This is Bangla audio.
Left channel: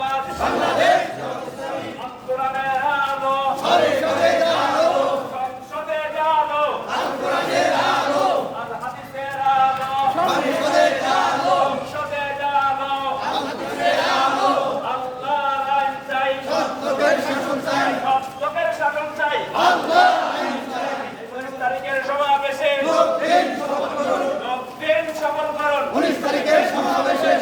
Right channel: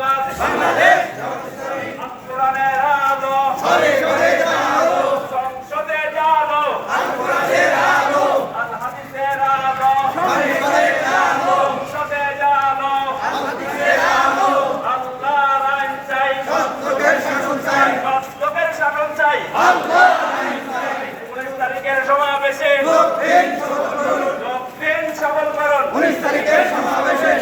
জিন্দাবাদ বাংলাদেশ কোরআনের আলো সংসদে জানো কোরআনের আলো আল হাদিসের আলো সংসদে জানো আল হাদিসের আলো আল্লাহর আইন চাই সত্যের শাসন চাই আল্লাহর আইন চাই 19 তারিখের সমাবেশে দক্ষিণ সফল করুন 19 তারিখের সমাবেশে